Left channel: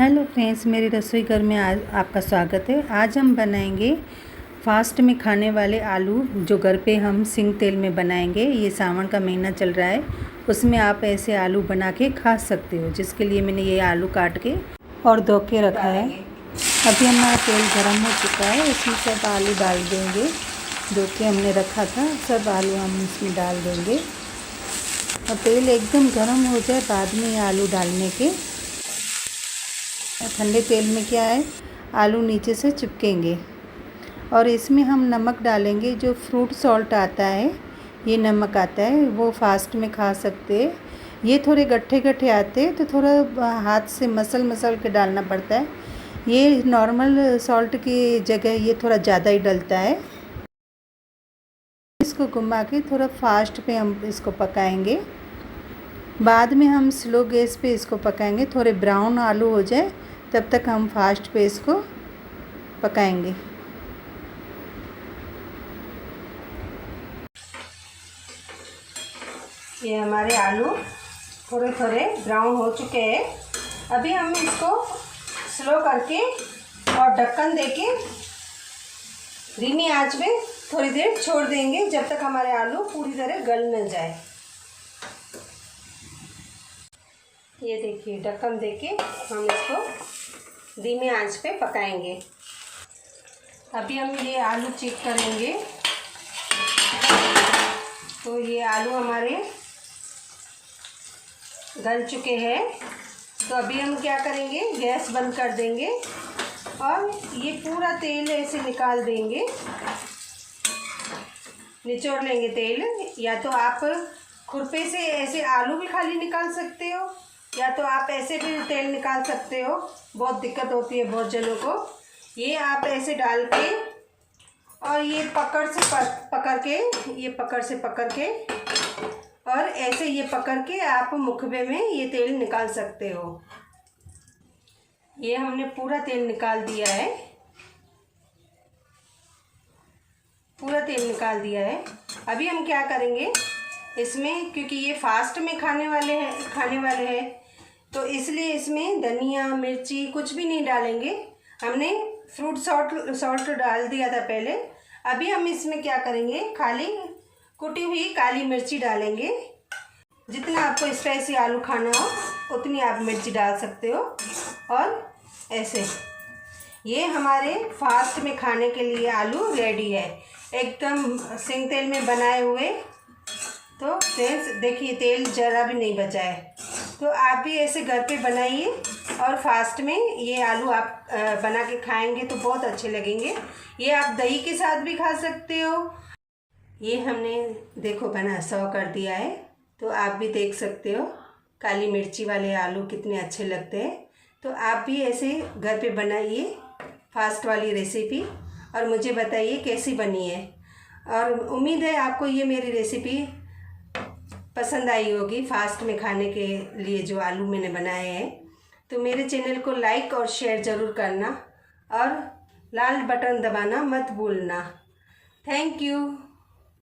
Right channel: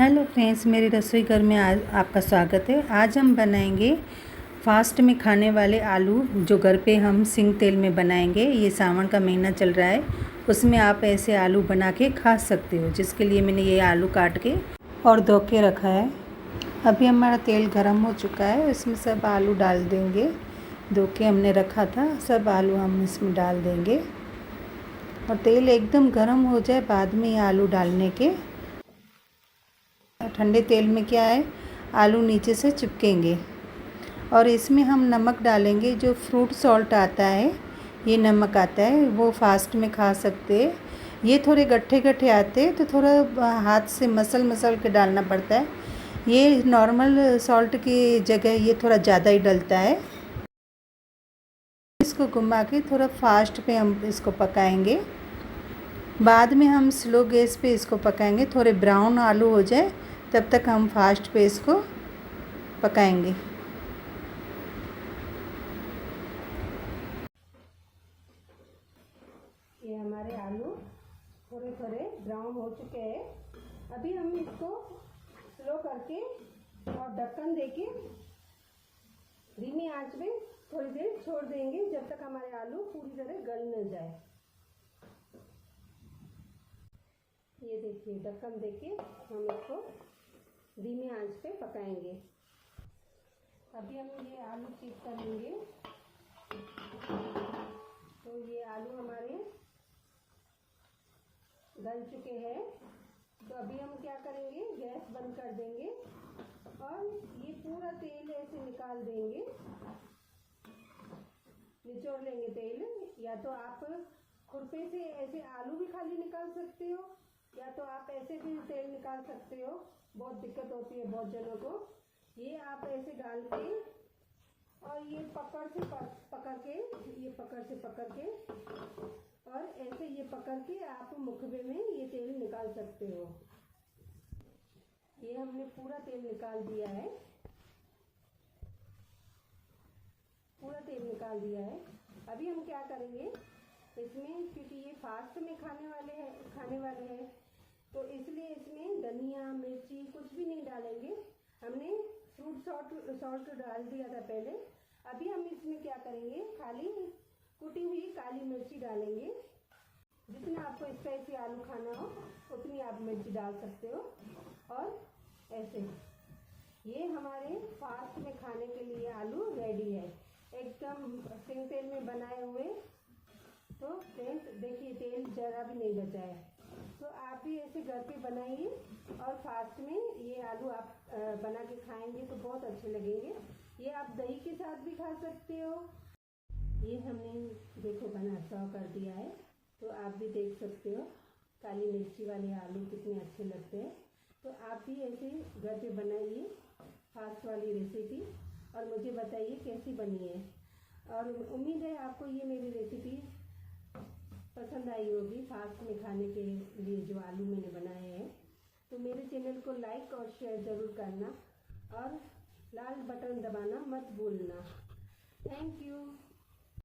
Hello friends, मेरे रसोई घर में आज आपका स्वागत है। आज हम बनाएंगे फास्ट में खाने वाले आलू, जो घर पे हम सिंग तेल में बनाएंगे। ये सावन का महीना चल रहा है, उसमें आप ऐसे आलू बना के खा सकते हो। जिसके लिए मैंने ये आलू काट के और धो के रखा है। अभी हमारा तेल गर्म हो चुका है, इसमें सब आलू डाल देंगे। धो के हमने रखा था, सब आलू हम इसमें डाल देंगे और तेल एकदम गर्म हो जाए बाद में ये आलू डालने के। ठंडे तेल में क्या है, आलू नीचे से चिपकेंगे। और इसमें हम नमक डालेंगे, जो फ्रूट सॉल्ट आता है, ये नमक आता है, वो फास्ट में खा सकते हैं। ये थोड़े गट्ठे गट्ठे आते हैं तो थोड़ा हाथ से मसल के डालना पड़ता है। ये नॉर्मल सॉल्ट की जगह ये थोड़ा ज़्यादा ही डलता है। इसको घुमा के थोड़ा फास्ट पे हम इसको पकाएंगे। बाद में हम स्लो गैस पे इसको पकाएंगे। थोड़े ब्राउन आलू हो जाए तब तक हम फास्ट पे इसको पकाएंगे। ये हमारे आलू थोड़े थोड़े ब्राउन हो चुके हैं। अभी हम इसको स्लो करके और ढक्कन देके धीमी आंच में थोड़ी देर छोड़ देंगे, जब तक हमारे आलू पूरी तरह गल न जाए। ये देखिए, ढक्कन देके हम इसको धीमी आंच पे पकाएंगे। अभी हम ये आलू चेक करेंगे तो ये आलू हमारे गल चुके हैं। तो अभी हम क्या करेंगे, गैस बंद कर देंगे और ये पूरा तेल ऐसे निकाल देंगे, निचोड़ लेंगे तेल। या तो आप खुरपे से ऐसे आलू भी खाली निकाल सकते हो, या तो आप ऐसे भी तेल निकाल सकते हो। बहुत दिक्कत होती है बहुत जनों को। ये आप ऐसे डाल के और ये पकड़ से पकड़ के और ऐसे ये पकड़ के आप मुखबे में ये तेल निकाल सकते हो। ये हमने पूरा तेल निकाल दिया है, पूरा तेल निकाल दिया है। अभी हम क्या करेंगे इसमें, क्योंकि ये फास्ट में खाने वाले हैं तो इसलिए इसमें धनिया मिर्ची कुछ भी नहीं डालेंगे। हमने फ्रूट सॉल्ट डाल दिया था पहले। अभी हम इसमें क्या करेंगे, खाली कुटी हुई काली मिर्ची डालेंगे। जितना आपको स्पाइसी आलू खाना हो उतनी आप मिर्ची डाल सकते हो। और ऐसे ये हमारे फास्ट में खाने के लिए आलू रेडी है, एकदम सिंग तेल में बनाए हुए। तो फ्रेंड्स देखिए, तेल ज़रा भी नहीं बचा है। तो आप भी ऐसे घर पे बनाइए और फास्ट में ये आलू आप बना के खाएंगे तो बहुत अच्छे लगेंगे। ये आप दही के साथ भी खा सकते हो। ये हमने देखो बना सर्व कर दिया है, तो आप भी देख सकते हो काली मिर्ची वाले आलू कितने अच्छे लगते हैं। तो आप भी ऐसे घर पे बनाइए फास्ट वाली रेसिपी और मुझे बताइए कैसी बनी है। और उम्मीद है आपको ये मेरी रेसिपी पसंद आई होगी, फास्ट में खाने के लिए जो आलू मैंने बनाए हैं। तो मेरे चैनल को लाइक और शेयर ज़रूर करना और लाल बटन दबाना मत भूलना। Thank you.